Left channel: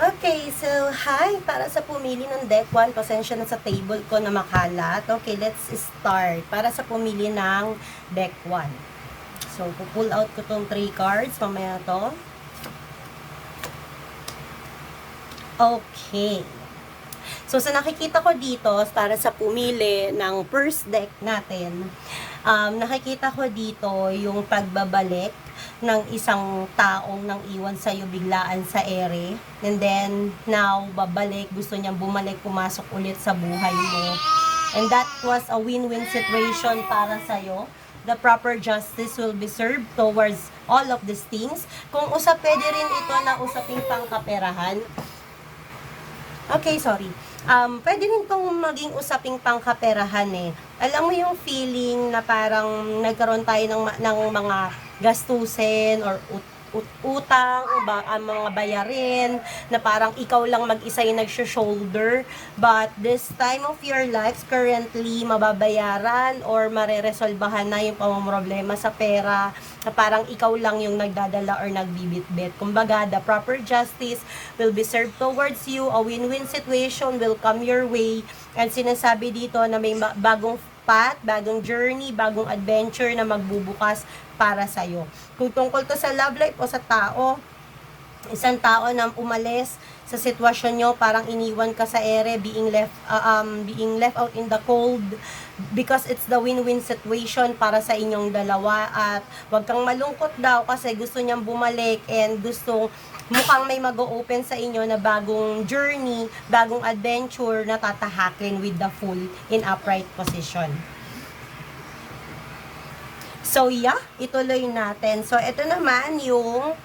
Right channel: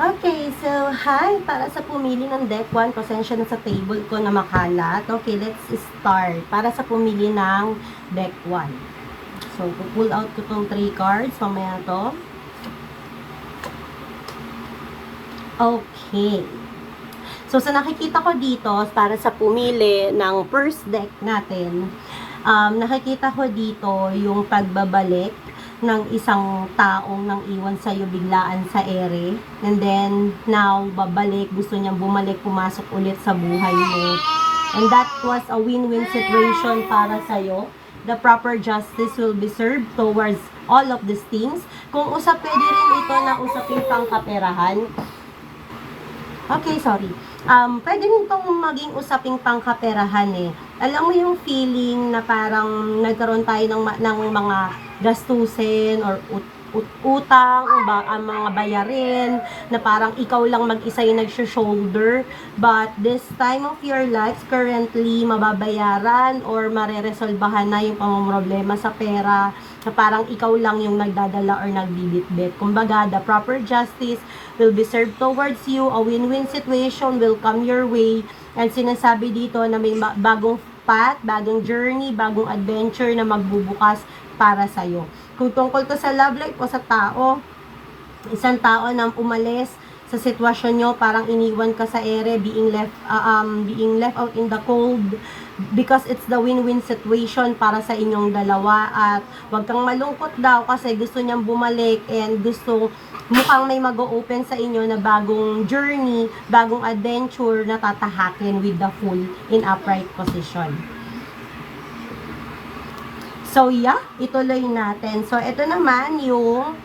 Okay, so hi! Para sa pumili ng deck 1, pasensya na sa table ko na makalat. Okay, let's start. Para sa pumili ng deck 1. So, pull out ko tong 3 cards. Mamaya to. Okay. So, sa nakikita ko dito, para sa pumili ng first deck natin, nakikita ko dito yung pagbabalik ng isang taong nang iwan sa'yo biglaan sa ere. And then, now, babalik, gusto niyang bumalik, pumasok ulit sa buhay mo. And that was a win-win situation para sa'yo. The proper justice will be served towards all of these things. Kung pwede rin ito na usaping pangkaperahan. Okay, sorry. Pwede rin itong maging usaping pangkaperahan eh. Alam mo yung feeling na parang nagkaroon tayo ng mga gastusin or utang, mga bayarin, na parang ikaw lang mag-isa yung nag-shoulder. But this time of your life, currently, mababayaran or mareresolbahan na yung pamamroblema sa pera, na parang ikaw lang yung nagdadala or nagbibitbit. Kumbaga, the proper justice will be served towards you, a win-win situation will come your way, and sinasabi dito na may bagong path, bagong journey, bagong adventure na magbubukas para sa'yo. Kung tungkol to sa love life o sa tao, isang tao na umalis sa sitwasyon nyo, parang iniwan ka sa ere, being left out in the cold, because it's the win-win situation para sa inyong dalawa. At wag kang malungkot daw kasi gusto niyang bumalik and mukhang may mag-o-open sa inyo na bagong journey, bagong adventure na tatahakin with the Fool in upright position. So, yeah, ituloy natin. So, ito naman yung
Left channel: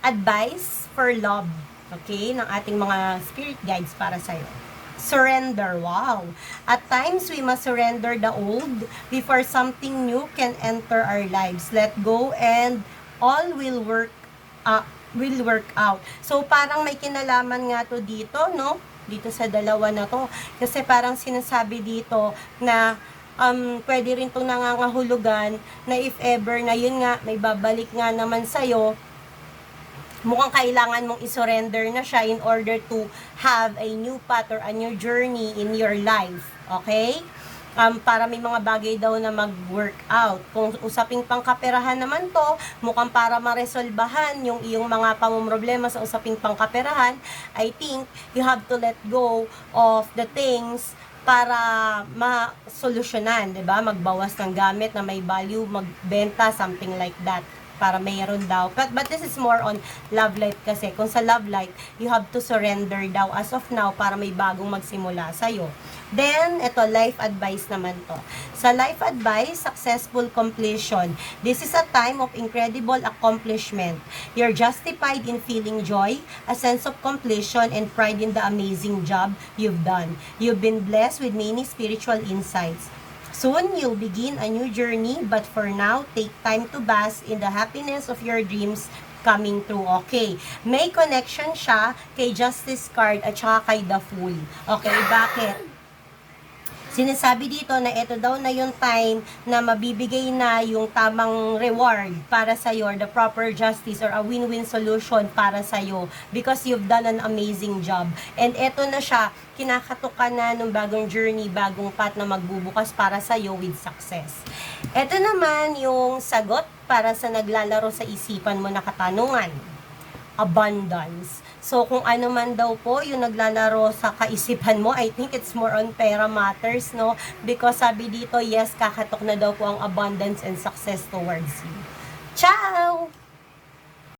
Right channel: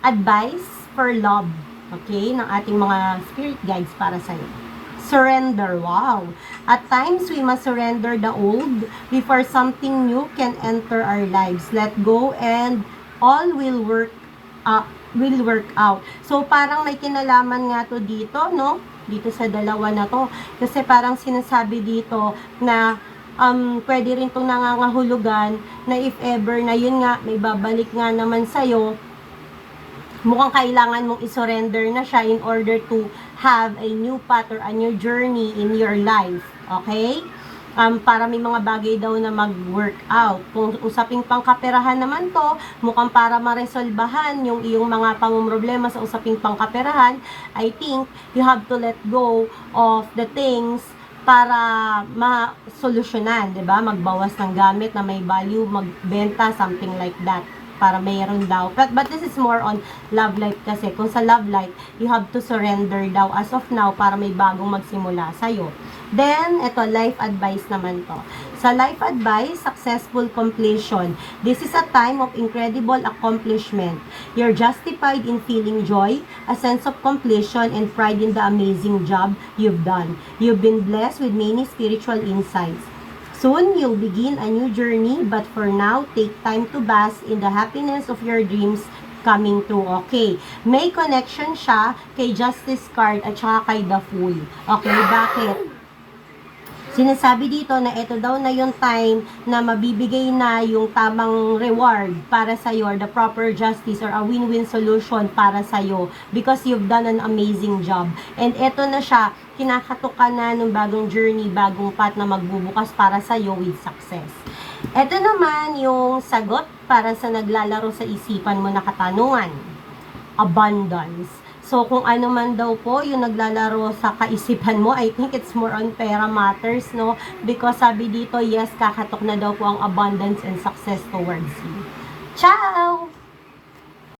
advice for love, okay, ng ating mga spirit guides para sa'yo. Surrender, wow. At times, we must surrender the old before something new can enter our lives. Let go and all will work out. So, parang may kinalaman nga to dito, no? Dito sa dalawa na to. Kasi parang sinasabi dito na pwede rin itong nangangahulugan na if ever na yun nga, may babalik nga naman sa'yo, mukhang kailangan mong isurrender na siya in order to have a new path or a new journey in your life. Okay? Para may mga bagay daw na mag-work out. Kung usaping pangkaperahan naman to, mukhang para maresolbahan yung iyong mga pamumroblema sa usaping pangkaperahan, I think you have to let go of the things para ma-solusyonan, 'di ba? Magbawas ng gamit na may value, magbenta, something like that, para mayroon daw. But this is more on love life kasi. Kung sa love life, you have to surrender daw as of now para may bagong magsimula sa'yo. Then, ito, life advice naman to. Sa life advice, successful completion. This is a time of incredible accomplishment. You're justified in feeling joy, a sense of completion, and pride in the amazing job you've done. You've been blessed with many spiritual insights. Soon, you'll begin a new journey, but for now, take time to bask in the happiness of your dreams coming true. Okay, may connection siya kay Justice card at saka kay The Fool. Okay, bakit? Sinasabi dito na ito daw na yung time na mabibigay na yung tamang reward para sa'yo, or the proper justice or a win-win solution para sa'yo because you've done an amazing job. And ito na siya, kinakatok ka na ng bagong journey, bagong path na magbubukas para sa'yo with success. Ito naman yung sagot para sa naglalaro sa isipan mo na katanungan. Abundance. So, kung ano man daw po yung naglalaro sa kaisipan mo, I think it's more on pera matters, no? Because sabi dito, yes, kakatok na daw po ang abundance and success towards you. Ciao!